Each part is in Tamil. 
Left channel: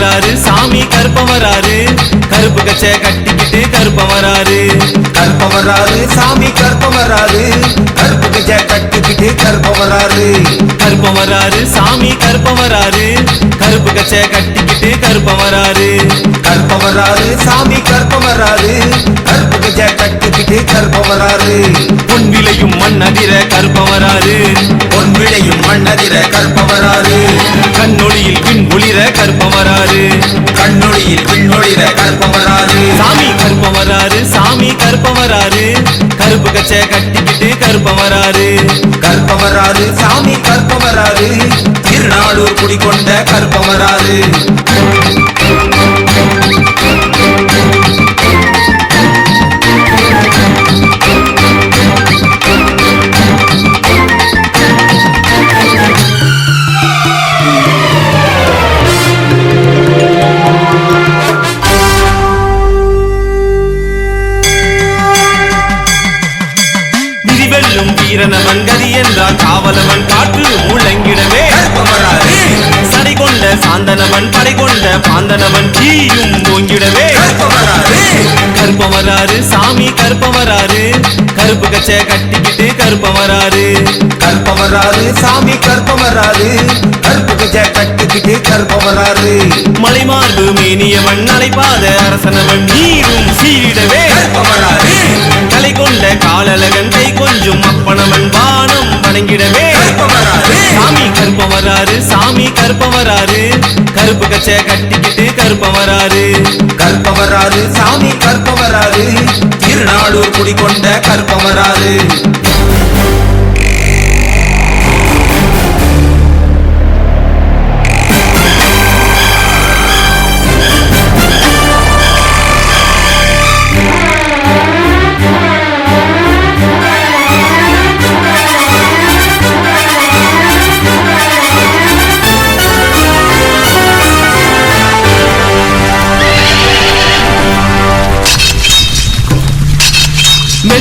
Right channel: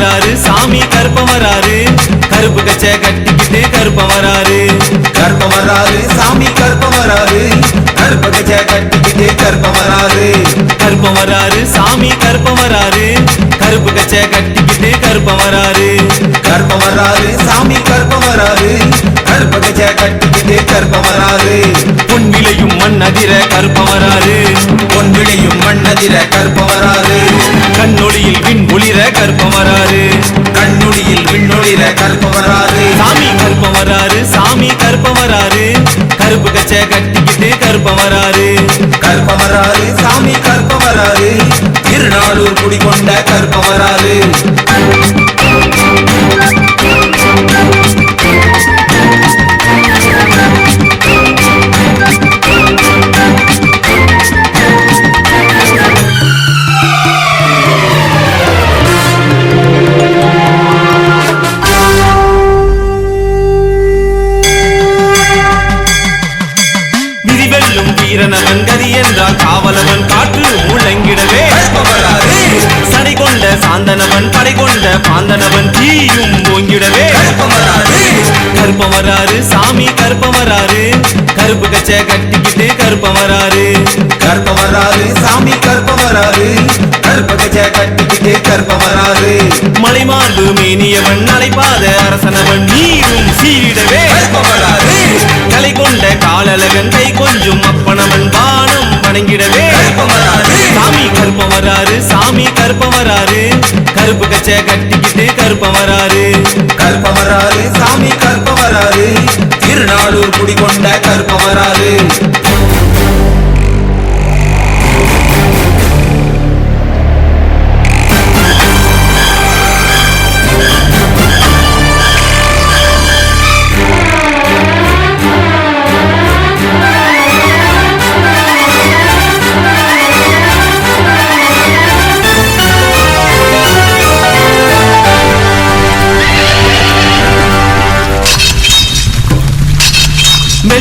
வராரு சாமி கருப்பம் வராரு கருப்பு கச்சை கட்டிக்கிட்டு கருப்பம் வராரு கற்பம் வராரு சாமி கற்பம் வராரு கற்ப கச்சை கட்டிக்கிட்டு கற்பம் வராரு கருப்பம் வராரு சாமி கருப்பம் வராரு கருப்பு கச்சை கட்டிக்கிட்டு கருப்பம் வராரு கற்பம் வராரு சாமி கற்பம் வராரு கற்ப கச்சை கட்டிக்கிட்டு கற்பம் வராரு பொன் விளையும் மண் அதிர கருப்பம் வராரு பொன் விழியும் மண்ணதிர கற்பம் வராரு கண்ணொளியில் விண் ஒளிர கருப்பம் வராரு கண்ணொழியில் விண்ணொழிர கற்பம் வராரு சாமி கருப்பம் வராரு சாமி கருப்பம் வராரு கருப்பு கச்சை கட்டிக்கிட்டு கருப்பம் வராரு கற்பம் வராரு சாமி கற்பம் வராரு திருநாளூர் குடிகொண்ட கற்பம் வராரு வீரனவன் கதி என்றால் காவலவன் காற்று முழங்கிடவே. சடை கொண்ட சாந்தனவன் படை கொண்ட பாந்தனவன் தீயும் ஓங்கிடவே. கருப்பம் வராரு சாமி கருப்பம் வராரு. கருப்பு கச்சை கட்டிக்கிட்டு கருப்பம் வராரு. கற்பம் வராரு சாமி கற்பம் வராரு. கற்ப கச்சை கட்டிக்கிட்டு கற்பம் வராரு. மலைமார்பு மேனியவன் அலைப்பாத அரசனவன் நீரும் சீரிடவே கலை கொண்ட காலழகன் கை கொஞ்சம் அப்பனவன் வானம் வணங்கிடவே. சாமி கருப்பம் வராரு சாமி கருப்பம் வராரு. கருப்பு கச்சை கட்டிக்கிட்டு கருப்பம் வராரு. கருப்பம் வராரு சாமி கருப்பம் வராரு. என்னாலும் குடி கொண்ட கருப்பம் வராரு.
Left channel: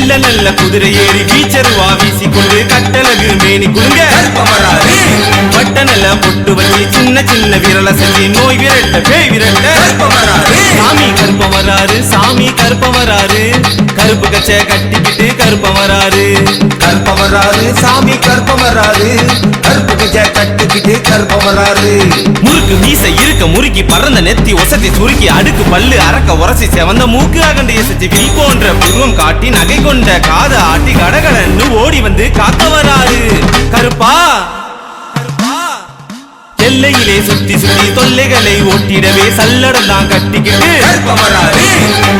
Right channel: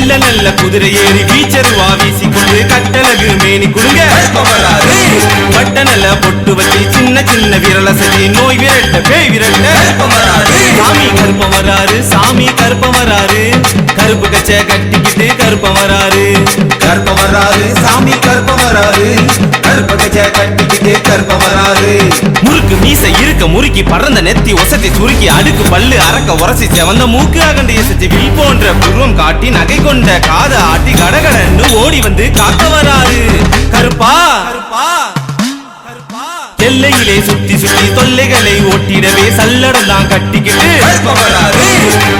மெல்ல நல்ல குதிரை ஏறி வீச்சருவா வீசிக்கொண்டு கட்டழகு மேனி குடுங்க வட்ட நல்ல பொட்டு வச்சு சின்ன சின்ன விரல செஞ்சு நோய் விரட்ட பேய் விரட்ட. சாமி கருப்பம் வராரு சாமி கருப்பம் வராரு. கருப்பு கச்சை கட்டிக்கிட்டு கருப்பம் வராரு. கருப்பம் வராரு சாமி கருப்பம் வராரு. கருப்பு கச்ச முறுக்கு மீசை இருக்க முறுக்கி பறந்த நெத்தி ஒசத்தி சுருக்கி அடுக்கு பல்லு அரக்க உரசி செவந்த மூக்கு அகண்டு எசத்தி வில் போன்ற புருவம் காட்டி நகை கொண்ட காத ஆட்டி கடகடன்னு ஓடி வந்து காக்க வராரு கருப்பா. எல்லையிலே சுத்தி சுத்தி தொல்லைகளை ஓட்டிடவே சல்லடம் தான் கட்டிக்கிட்டு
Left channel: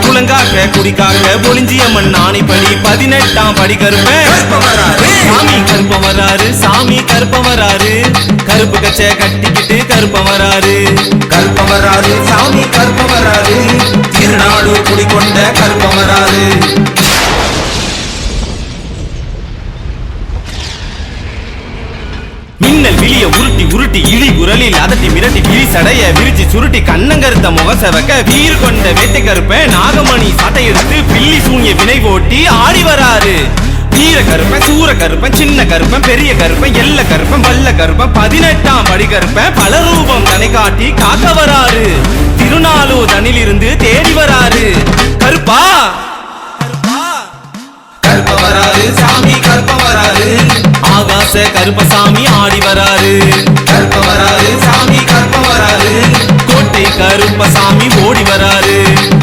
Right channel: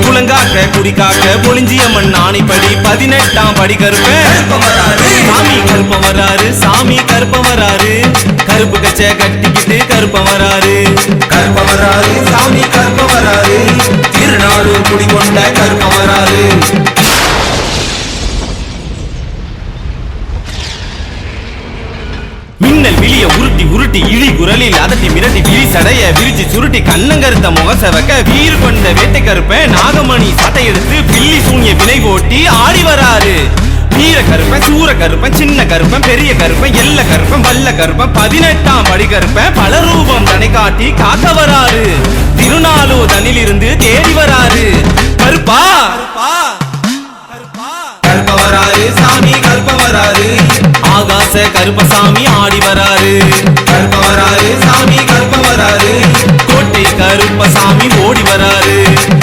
குளங்காக்க குடிக்காக்க பொலிஞ்சியம்மன் ஆணைப்படி பதினெட்டாம் படி கருப்பேன். கருப்பம் வராரு சாமி கருப்பம் வராரு. கருப்பு கச்சை கட்டிக்கிட்டு கருப்பம் வராரு. கற்பம் வராரு சாமி கற்பம் வராரு. திருநாளூர் குடிகொண்ட கற்பம் வராரு. மின்னல் விழிய உருட்டி உருட்டி இழி குரலில் அதட்டி மிரட்டி விழி சடைய விரிச்சு சுருட்டி கண்ணங்கருத்த முகசவக்க வீர் கொண்ட வேட்டை கருப்ப நாகமணி சட்டை எடுத்து பில்லி சூனிய வினை ஓட்டி ஆடி வராரு. வீர கருப்பன் சூர கருப்பன் சின்ன கருப்பன் பெரிய கருப்பன் எல்ல கருப்பன் வல்ல கருப்பன் பதினெட்டாம் படி கருப்பன் பல ரூபம் தனை காட்டி காக்க வராரு. திருநாளூ தனிலிருந்து தேடி வராரு. கருப்பா! சாமி ஆகாச கருப்பசாமி ஆடி வராரு. கற்பம் சாமி கற்பம் வராரு. கோட்டை கருப்பசாமி ஓடி வராரு.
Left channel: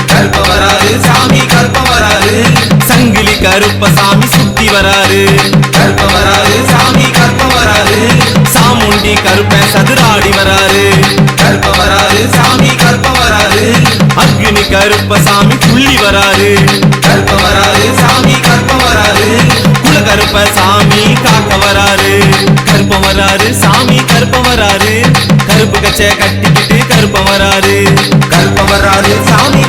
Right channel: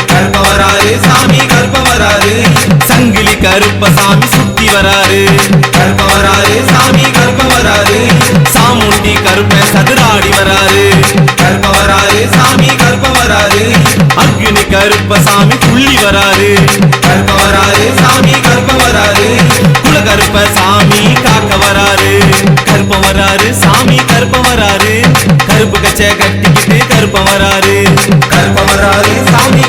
கருப்பசாமி சுத்தி வராரு. சாமி வராரு சாமுண்டி கருப்பன் சதுராடி வராரு. சாமி கற்பம் வராரு அக்னி கருப்பசாமி துள்ளி வராரு. கற்பம் சாமி கற்பம் வராரு குல கருப்பசாமி காக்க வராரு. கருப்பம் வராரு சாமி கருப்பம் வராரு. கருப்பு கச்சை கட்டிக்கிட்டு கருப்பம் வராரு. கற்பம் வராரு சாமி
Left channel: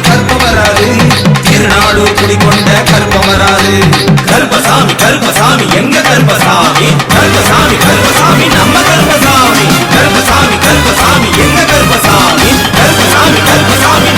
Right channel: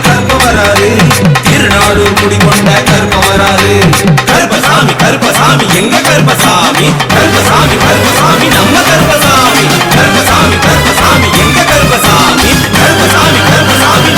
கற்பம் கர்பசாமி கர்பசாமி எங்க கர்பசாமி கர்பசாமி கர்பசாமி நம்ம கர்பசாமி கர்பசாமி கர்பசாமி எங்க கர்பசாமி கர்பசாமி கர்பசாமி